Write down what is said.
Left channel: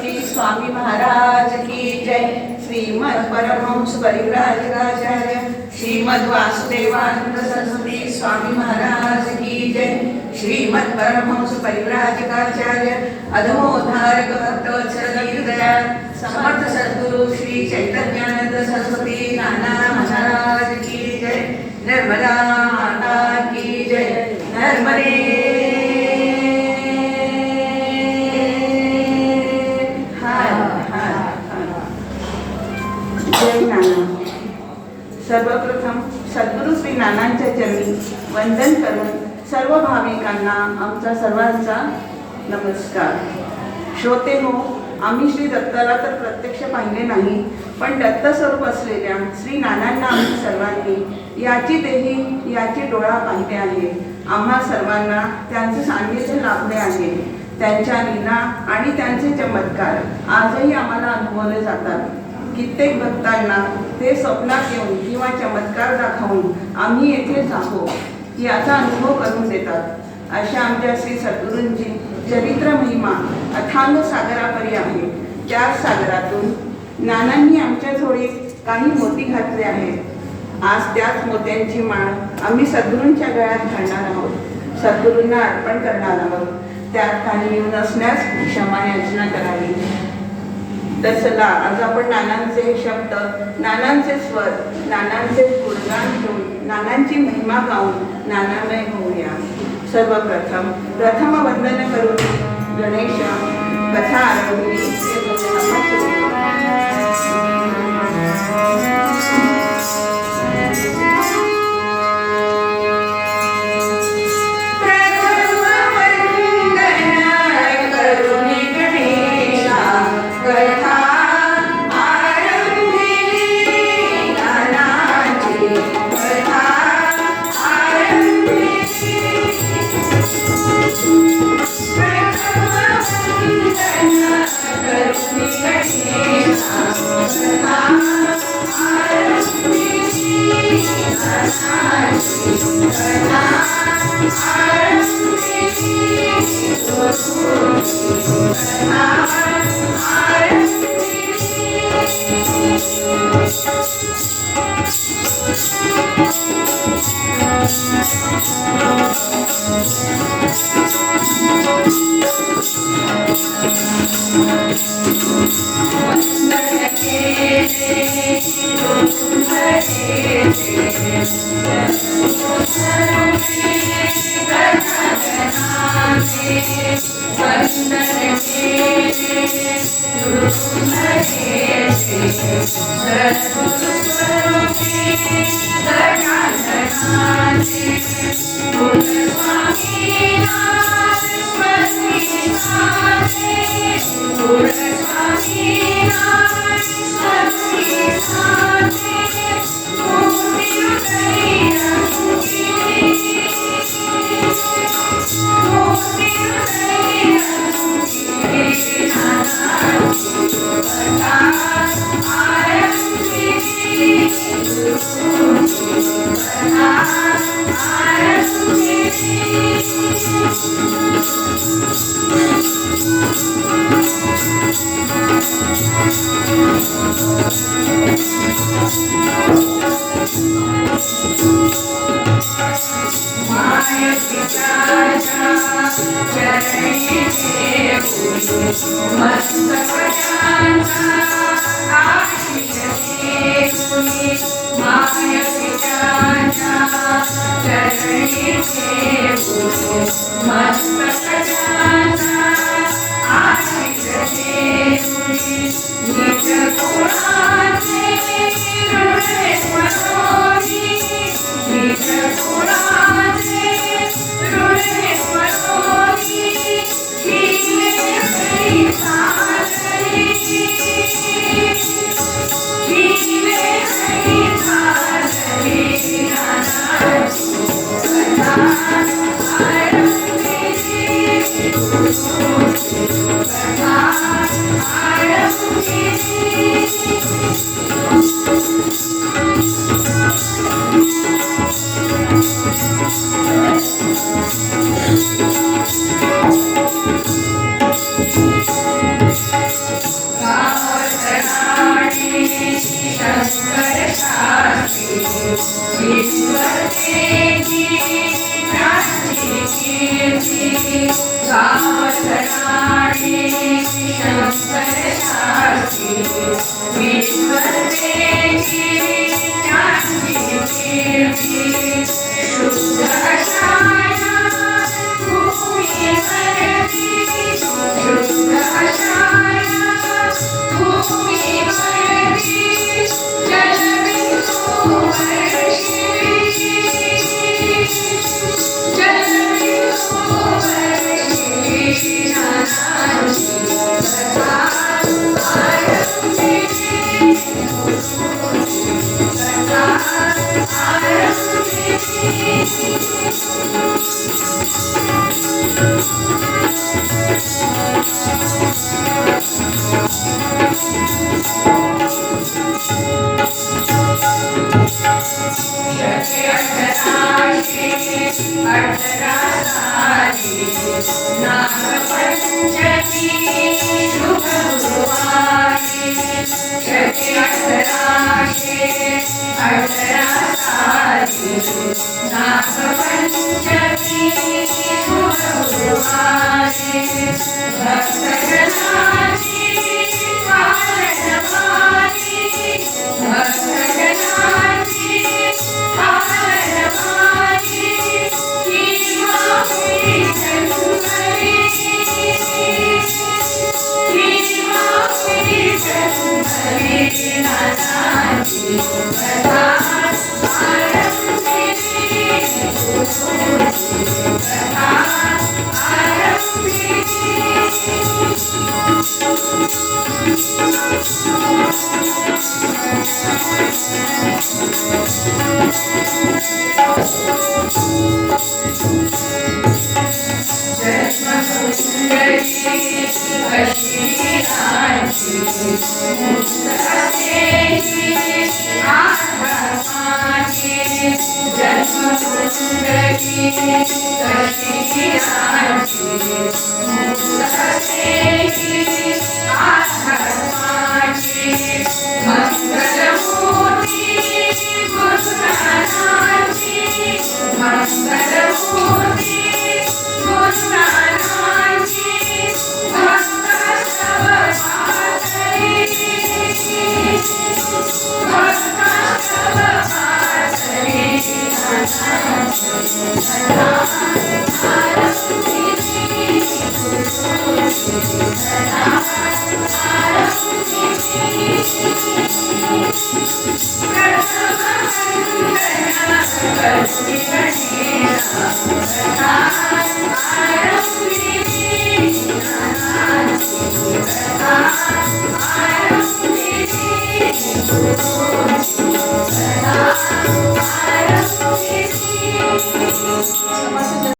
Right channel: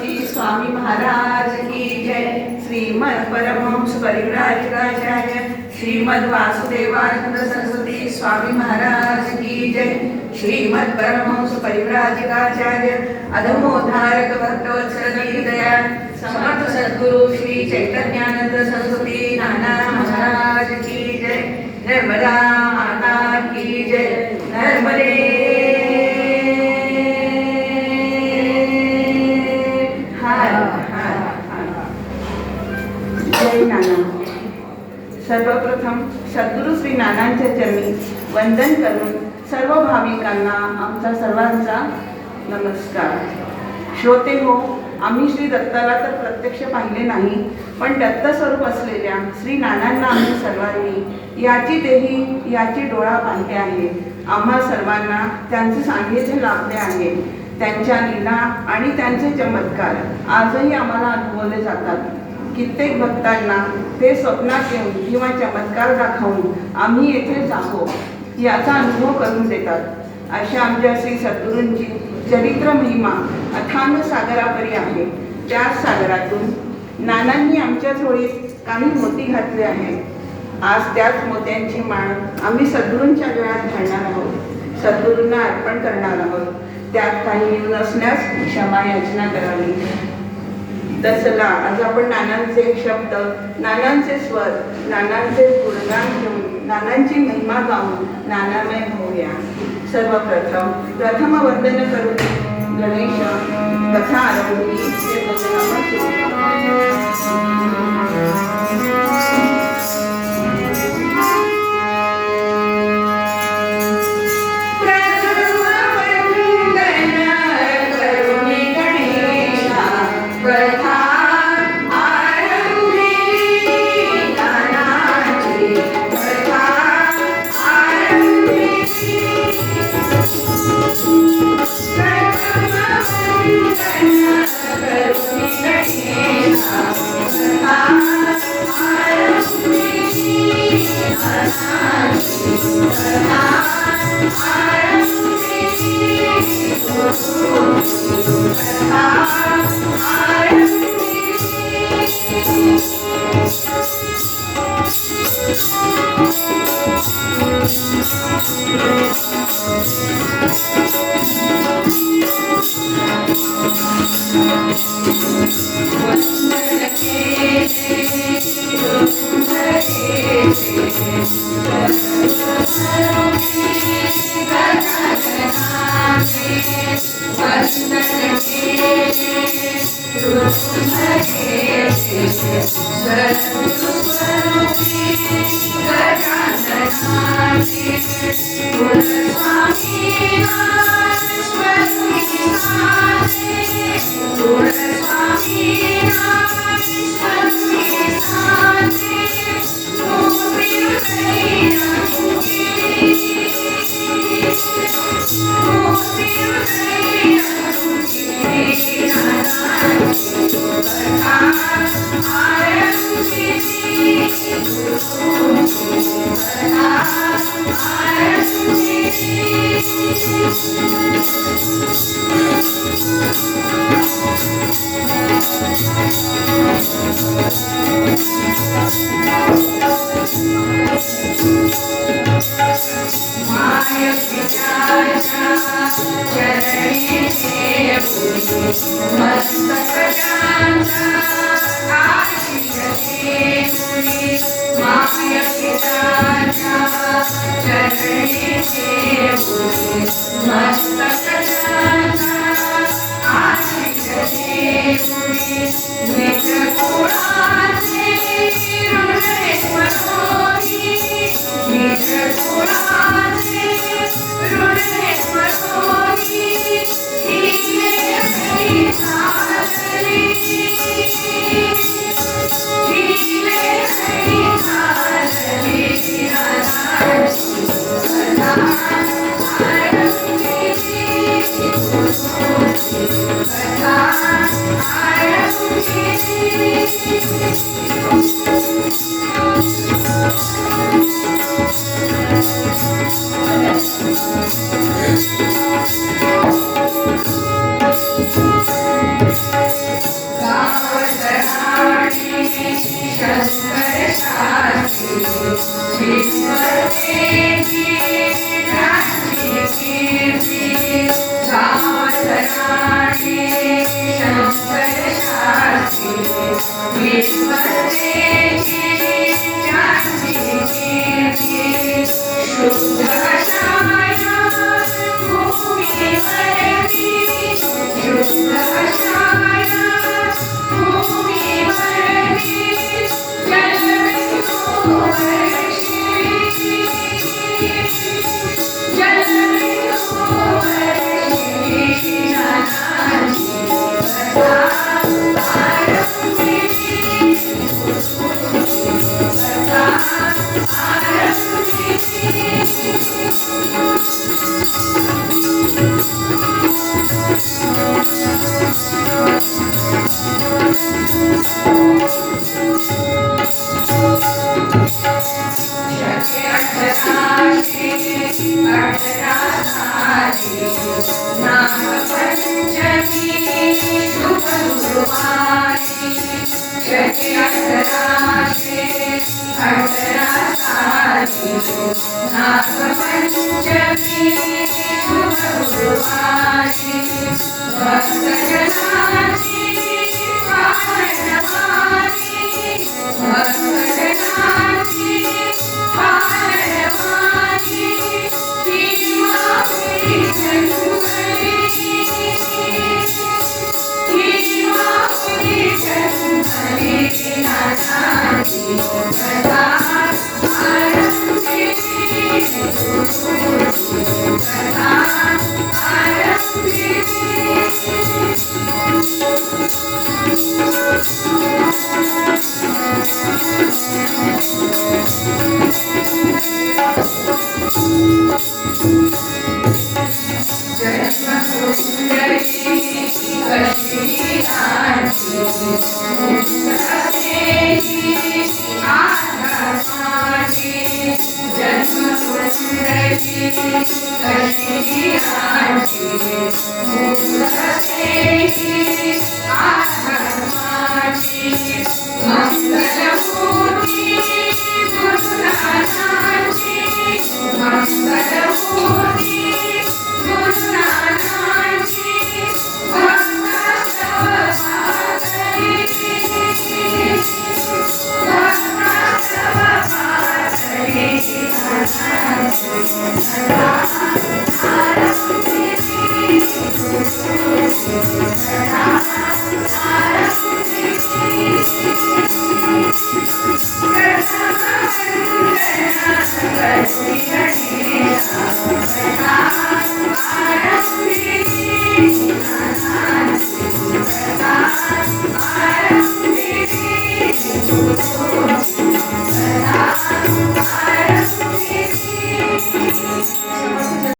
श्री स्वामी महाराज की जय। श्रीमद परमहंस परिव्राजकाचार्य श्रीमद वासुदेवानंद सरस्वती स्वामी महाराज की जय। श्रीमद परमहंस परिव्राजकाचार्य अधमोद्धारक भक्तवत्सल दीनदयाळ समर्थ सद्गुरु श्री चैतन्यानंद सरस्वती नाना महाराज की जय। नर्मदा माता की जय। नर्मदे सर्वप्रथम सद्गुरु श्री नानांच्या चरणी वंदन करून सर्व भाविकांना आमच्या सर्वांचा नमस्कार। श्रोते हो, आम्ही श्री दत्ताला तर प्रत्यक्ष पाहिले नाही, पण दत्तस्वरूप असलेल्या श्री नानांना आम्ही सर्वांनी याची देही याची डोळा पाहिले आहे। आम्हा सर्वांना त्यांचे सान्निध्य लाभले आहे। त्यांच्या लीला आणि त्यांचे चमत्कार आजही आम्हाला अनुभवले जातात। कित्येक भक्तांना ते स्वप्नात येऊन किंवा चमत्कार दाखवून आम्ही येथे जातो याचा अनुभव करून देतात। अशा आमच्या श्री सद्गुरूंची चरित्र महिमा अथांग सागरापरी आहे। त्या सागरातून नानांनी आमच्या झोळीत काही मोती घातले आहेत। आज त्याच मोत्यांची माळ आम्ही सद्गुरूंच्या गळ्यात घालणार आहोत, सद्गुरूंना अर्पण करणार आहोत। त्यात काही न्यून असल्यास क्षमा याचना करावी। तसला आज आपण नानांचे शब्द, नानांचे स्वर, नानांचे गुणगान घेऊन नानांची महिमा गाऊन नानामय होऊया। सर्वप्रथम प्रथम वंदन करून गणेश कथा आरंभली ते I am नागपंचमी गुरुवारी भक्तजनाची पारणवारी भक्तजनाची पारणवारी ही माऊली जन्मली ही माऊली जन्मली नानाची कथा आरंभिली